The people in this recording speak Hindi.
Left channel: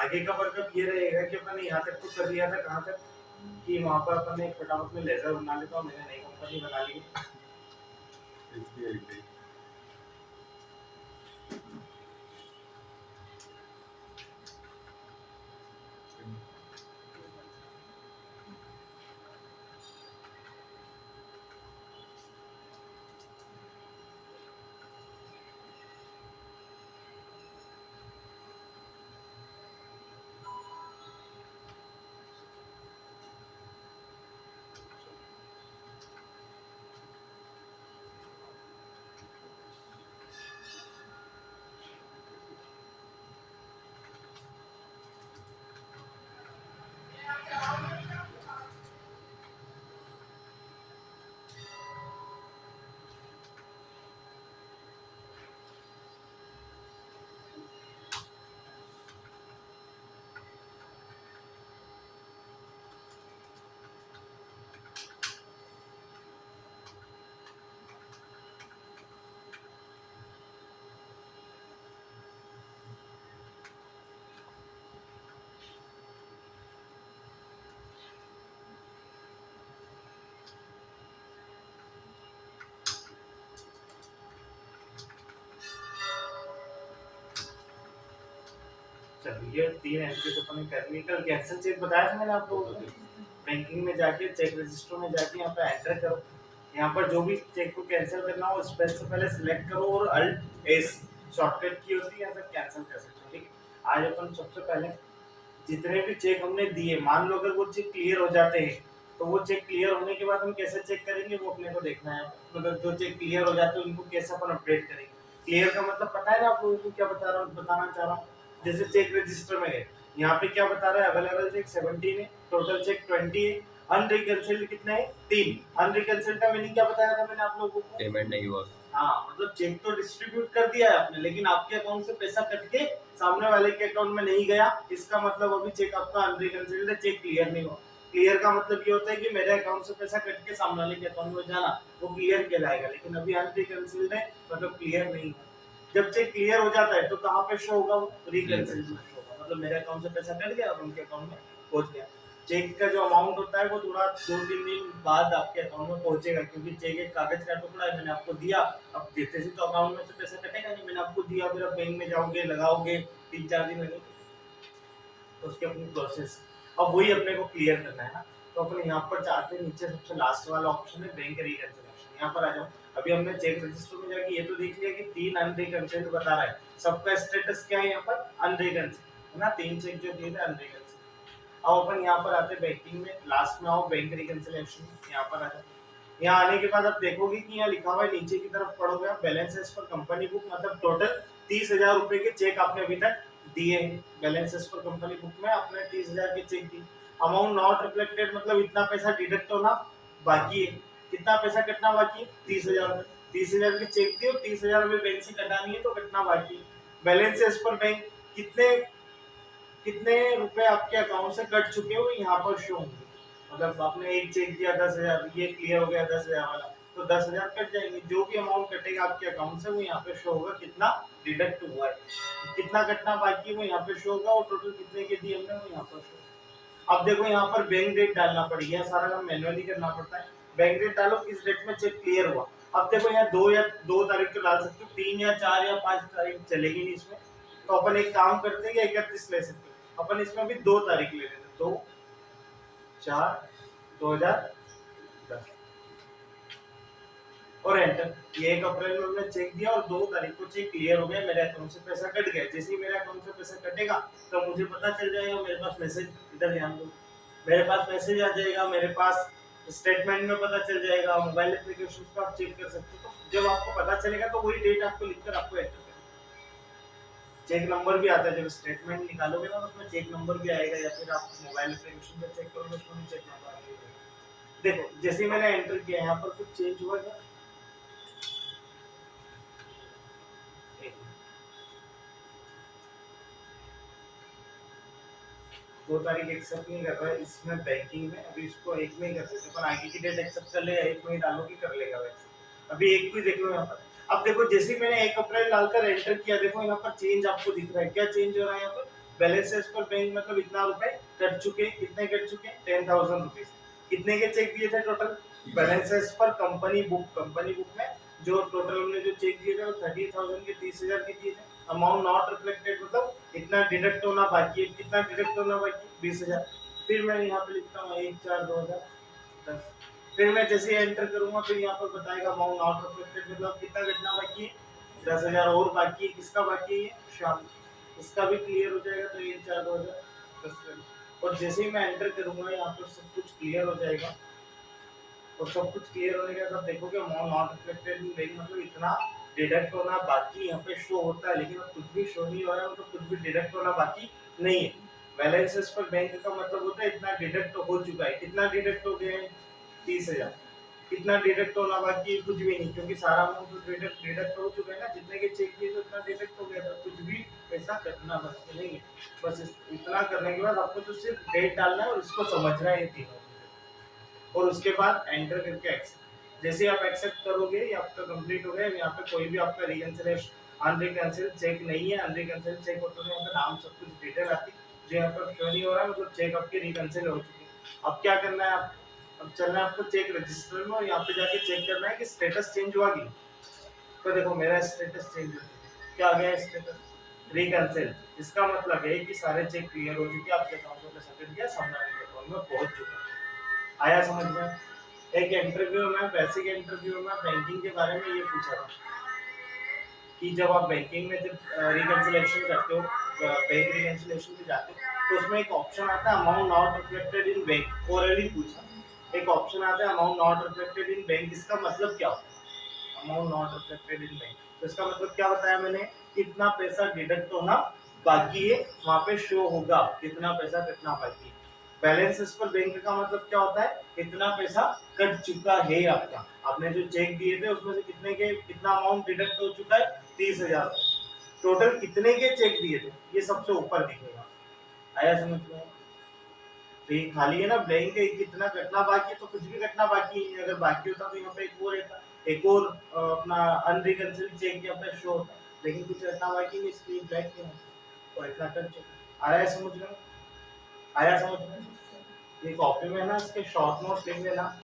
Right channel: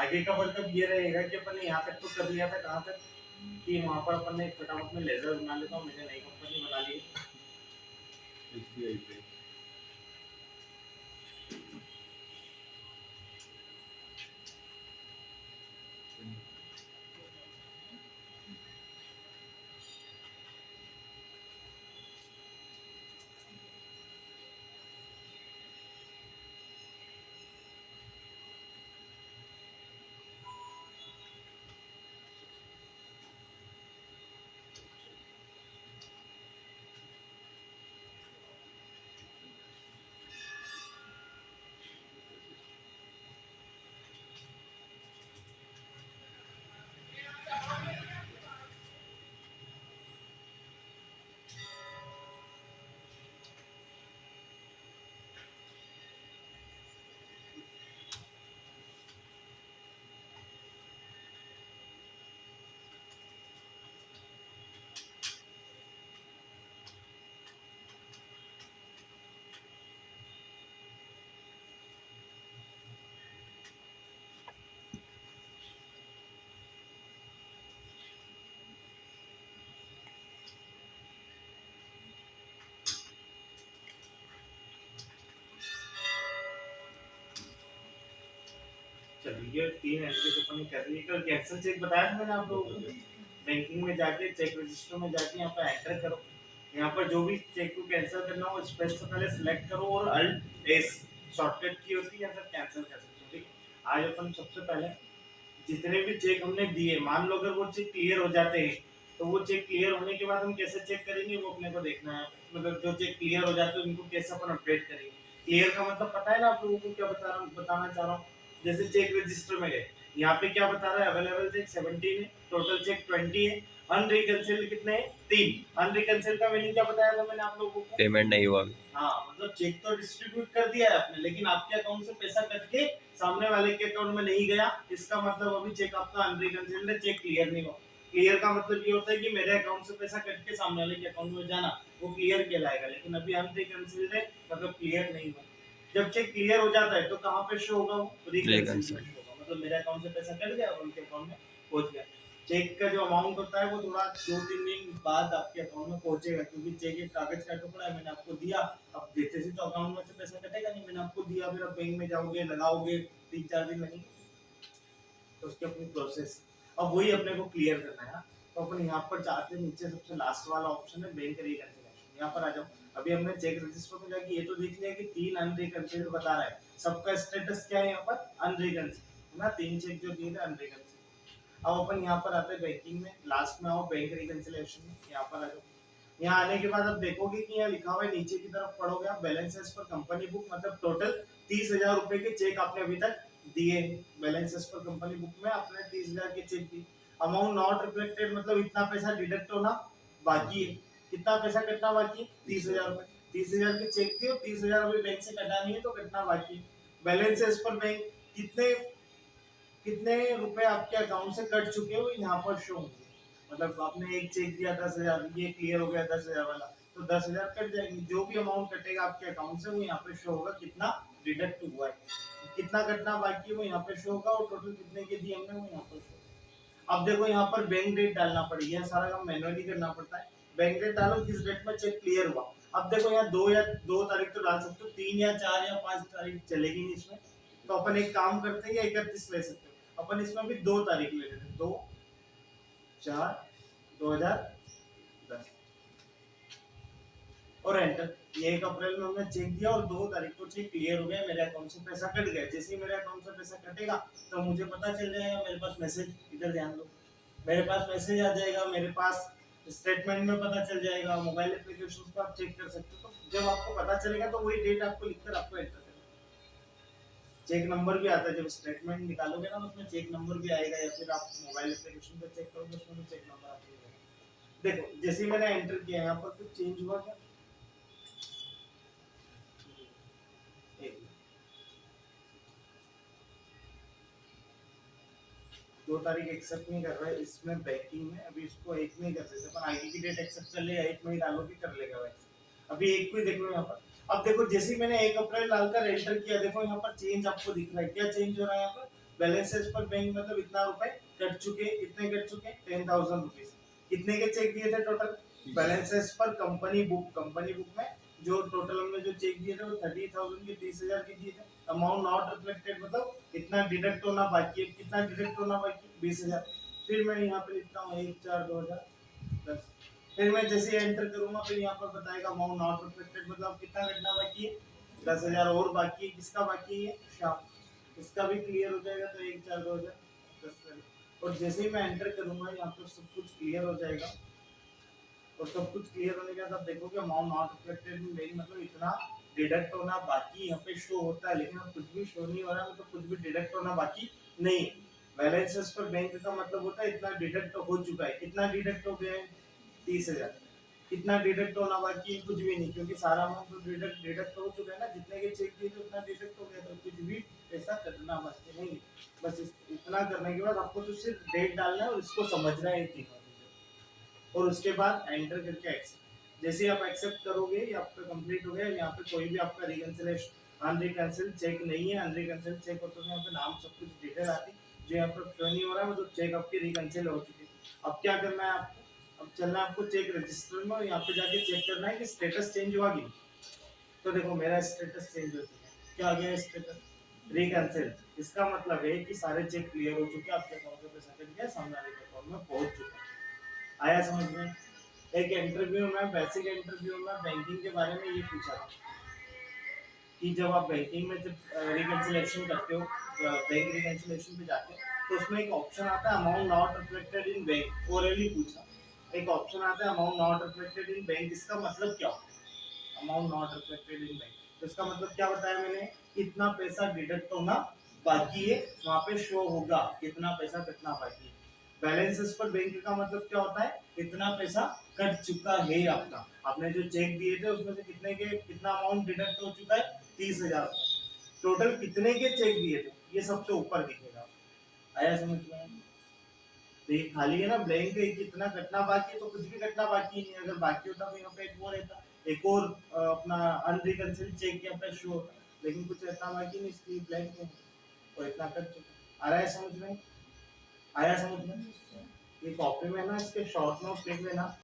आगे का मतलब ये रहेगा कि अपन ने यहाँ तक तो कर लिया था, कहाँ तक कि वहाँ पर अपन ने एक फटाफट में लेजर बना लेता और मैंने नई कंपनी बना ली। चलिए 3 एंट्री तो अपन ने कर ली। कल कैंसिल चेक बताया था मैंने आप लोगों को। बैंकिंग में जाके चेक रजिस्टर में जाके यहाँ पे एंटर करो। यहाँ पर जो भी चेक को कैंसिल करना हो स्पेस से पहले सिलेक्ट करो और अल्ट एस शॉर्टकट की होती है, यहाँ से कैंसिल कर सकते हो। ठीक है, आज अपन सबसे पहले जितने भी चेक हमने दिए, मान लो अगर वो चेक क्लियर हो जाते हैं तो वो चेक क्लियर होने के बाद हम कैसे चेक करेंगे वो अपने को देखना है। मतलब जो चेक क्लियर हो जाते हैं उनको कैसे अपन अपडेट करेंगे। क्लियर का मतलब पता है ना आप लोगों को, क्या बताना चाह रहा हूँ। जैसे चेक रजिस्टर में गए, यहाँ पे क्या बता रहा है, अवेलेबल चेक 17 है, टोटल चेक 20 है, अनरिकंसिल्ड कितने हैं 3। अनरिकंसिल्ड का मीनिंग क्या बताया था मैंने आप लोगों को, पेमेंट नहीं हुआ। हाँ मतलब चेक तो डिस्ट्रीब्यूट कर दिया है आपने लेकिन आपके अकाउंट से पैसा कट के सामने वाले के अकाउंट में नहीं गया, इसका मतलब अभी चेक आपका अनरिकंसिल्ड है, चेक क्लियर नहीं हुआ। क्लियर का मतलब ये होता है कि मेरे अकाउंट से पैसा कट के सामने वाले के अकाउंट में जाना, वो क्लियर किया जाएगा, लेकिन अभी अनरिकंसिल्ड है मतलब क्लियर नहीं हुआ। जब चेक क्लियर हो जाता है तो कहाँ पे शो होगा, रिकंसिल्ड में शो होगा, मतलब मेरे अकाउंट से पैसा कट गया और उनके अकाउंट में पहुंच गया। चेक का जो अमाउंट होता है वो थोड़ा 2-3 दिन बाद आपके अकाउंट में पहुंचेगा, क्योंकि चेक एक कागज का टुकड़ा है, मैंने आपको दिया, अब देते ही तो अकाउंट में से पैसा कटेगा नहीं, मैंने आपको दिया, फिर आप बैंक में जाओगे लगाओगे 3-4 दिन लगेंगे, तो उसकी अपनी प्रोसेस। अब वही अपने को क्लियर करना है ना, तो अपन यहाँ पर जाते हैं, नीचे सबसे लास्ट वाला ऑप्शन है बैंक रिकंसिलिएशन, यहाँ पर आ जाओ। अभी हमने चेक रजिस्टर में जाके ये तो देख लिया कि 3 अनरिकंसिल्ड बता रहा है, सबका स्टेटस क्या है यहाँ पर, अनरिकंसिल्ड है ना, 3 चेक जो दिए थे अनरिकंसिल्ड। अब अपन यहाँ पर आते हैं बैंकिंग में, लास्ट में आओ बैंक रिकंसिलिएशन, यहाँ पर आ जाओ। यहाँ आने के बाद आप देखोगे कि यहाँ लिखा हुआ है, नीचे की तरफ पढ़ोगे आप, balance as per company book, मतलब टोटल 30,000 रुपए के चेक आपने अभी तक दिए हैं। Balance as per company book में आपने 30,000 के चेक दिए। अमाउंट नॉट रिफ्लेक्टेड मतलब इतना पैसा डिडक्ट होना बाकी है। कितना पैसा कटना बाकी है, 30,000 रुपए। 30,000 के चेक दिए और 30,000 अभी बैंक से कटानी है तो कटना बाकी है। बैलेंस एज पर बैंक कितने कितने रुपए आपके अकाउंट से कट चुके हो यहाँ पर शो होंगे। मतलब आपने एक चेक दिया 10,000, ये क्लियर हो गया 10,000 वाला, तो 10,000 कट जाएंगे, जो भी अमाउंट कटेगा आपके अकाउंट से वो यहाँ पे शो होगा, कितना डिडक्ट हुआ है, कितना कटना बाकी है वो यहाँ पे शो होगा, और टोटल कितने के दिए हमने वो यहाँ पर शो होगा। अब देखो यहाँ पर बैंक डेट डालना पड़ेगा, सारा काम मैनुअली करना पड़ता है। बैंक डेट डालो किस डेट में चेक क्लियर हुआ। अब देखो यहाँ 2 तारीख तो डाल सकते हो, 3 या 4 या 5 तारीख चलेगी नहीं इसमें, तो अपन एक काम करते हैं कि 31 ले सकते हो, अपन इसमें भी 2 तारीख ले लेते हैं, 2/4/2010 और एंटर। ये 1 अप्रैल में हमने चेक दिया और 2 तारीख को चेक क्लियर हो गया, मेरे अकाउंट से पैसा कट गया। जैसे ही मेरे अकाउंट से पैसा कटेगा तो मुझे पता चल जाएगा, मेरे पास मैसेज, इधर ध्यान दो, मेरे पास मैसेज आ जाएगा, मेरे पास स्टेटमेंट में पता चल जाएगा, मोबाइल एप्लीकेशन पर आप चेक कर सकते हो। तो जब आपको पता चलेगा तो वही डेट आपको लिखकर आपको एंटर करना है। चेक नंबर भी आता है, जब स्टेटमेंट निकालोगे ना उसमें चेक नंबर भी आएगा, या फिर आप मोबाइल एप्लीकेशन पे चेक करोगे उसमें भी चेक नंबर आएगा। देखो जैसे ही मैंने एंटर किया यहाँ पर कुछ चेंज हुआ क्या, 2 तारीख एक्सेप्ट नहीं कर रहा है इसमें बैंकिंग में, अभी इसको 1 में ही कर देते, पर आगे की डेट एक्सेप्ट कर लेगा, 1 में ही डालोगे कर लेगा वैसे। अभी 1 को ही देख लो यहाँ पर। अब देखो जैसे ही मैंने 1 अप्रैल डालकर एंटर किया, देखो यहाँ पर चेंज आपको दिख रहा है, क्या चेंज हो रहा है यहाँ पर, बैलेंस एज पर बैंक मतलब इतना रुपए कट चुके, कितने कट चुके 10,000 रुपीज। कितने के चेक दिए थे total? Balance as per company book में जो टोटल हमने जो चेक दिए थे वो 30,000 के 30,000 के दिए थे। अमाउंट नॉट रिफ्लेक्टेड मतलब इतना डिडक्ट होना बाकी है, कितना डिडक्ट होना बाकी? 20,000। फिर मैं यहाँ पे लिखता हूँ 1/4/2010। फिर मैं जैसे एंटर करूंगा फिर यहाँ पर बताएगा अमाउंट नॉट रिफ्लेक्टेड मतलब कितना घटना बाकी है, 10,000 और बाकी है। किसका बाकी है? ये शाम। इसका भी क्लियर हो जाएगा तो 1/4/2010। और जैसे ही मैं एंटर करूंगा यहाँ पर सब कुछ क्लियर हो जाएगा। और सब कुछ क्लियर होने के बाद आप देखोगे amount not reflected in bank मतलब इतना डिडक्ट होना बाकी यहाँ पे शो होता है, लेकिन अब कुछ भी शो नहीं हो रहा है, मतलब कुछ भी डिडक्ट होना बाकी नहीं है। बैलेंसेस पर बैंक का मतलब होता है इतना डिडक्ट हो चुका है। कितना डिडक्ट हो गया है? 30,000। कितना डिडक्ट होना बाकी है? कुछ भी नहीं, क्योंकि सारा अमाउंट तो डिडक्ट हो चुका है ना। जितने के चेक किए तो इतना डिडक्ट हो गया था, कुछ भी पैसा कटना बाकी नहीं है। बस इतना करने के बाद आपको तो सिर्फ डेट डालना है और इसको समझना है तीनों, और उसके बाद एंटर करके एक्सेप्ट। जैसे आप एक्सेप्ट करोगे ये आपका कंप्लीट हो गया। यहाँ पे कोई भी आपका रिकंसिलेशन अनरिकंसिल्ड चेक नहीं है। अनरिकंसिल्ड चेक होता है यहाँ पे नाम सब कुछ डिटेल आती है जो यहाँ पर शो नहीं हो रहा है, मतलब चेक आपके रिकंसिल हो चुके हैं। अब क्या करना है? आप अब चलना है आपको चेक रजिस्टर में और यहाँ पे जाके चेक करना है कि स्टेटस चेंज हुआ कि नहीं। तो देखो मेरा स्टेटस चेंज हो चुका है। क्या आ गया स्टेटस? रिकंसिल। इसका मतलब है कि सारे चेक क्लियर हो चुके हैं, आपके अकाउंट में पैसा कट गया, सामने वाले के अकाउंट में पहुंच चुका है। आया समझ में? एक इंटरव्यू में, बेसिक इंटरव्यू में बैंकिंग के बारे में ये पूछा था कि जब आप बैंकिंग में जब रिकंसिलेशन करते हो, बैंक रिकंसिलेशन पे जाते हो, तो उसमें एक ऑप्शन आता है amount not reflected in bank. Already पूछा, एक ऑप्शन आता है amount not reflected in bank. इसका मतलब क्या होता है amount not reflected in bank? तो इसका मतलब क्या बताया मैंने? कितना पैसा डिडक्ट होना बाकी है, वहां पे शो होगा कितना पैसा कितना बाकी है। बैलेंसेस पर बैंक का मतलब क्या होता है? कितना पैसा कट चुका है आपका। आपने जो चेक दिए थे उसमें से कितने के कितना अमाउंट डिडक्ट हो चुका है? 30,000। टोटल कितने के चेक दिए थे ये सबसे ऊपर दिखेगा। आया समझ में? तो ये खाली है ना ब्लैंक है, कितना कटना बाकी है तो कुछ भी कटना बाकी नहीं है। अगर बाकी होता तो यहाँ पे एक वो रहता, एक और अपना अनरिकंसिल्ड चेक यहाँ पे शो होता, लेकिन कुछ कटना बाकी नहीं इसलिए ब्लैंक है और इतना कट चुका। आया समझ में? आया समझ में? ये कॉपी में ना इसके शॉर्ट नोट्स लिख लेना।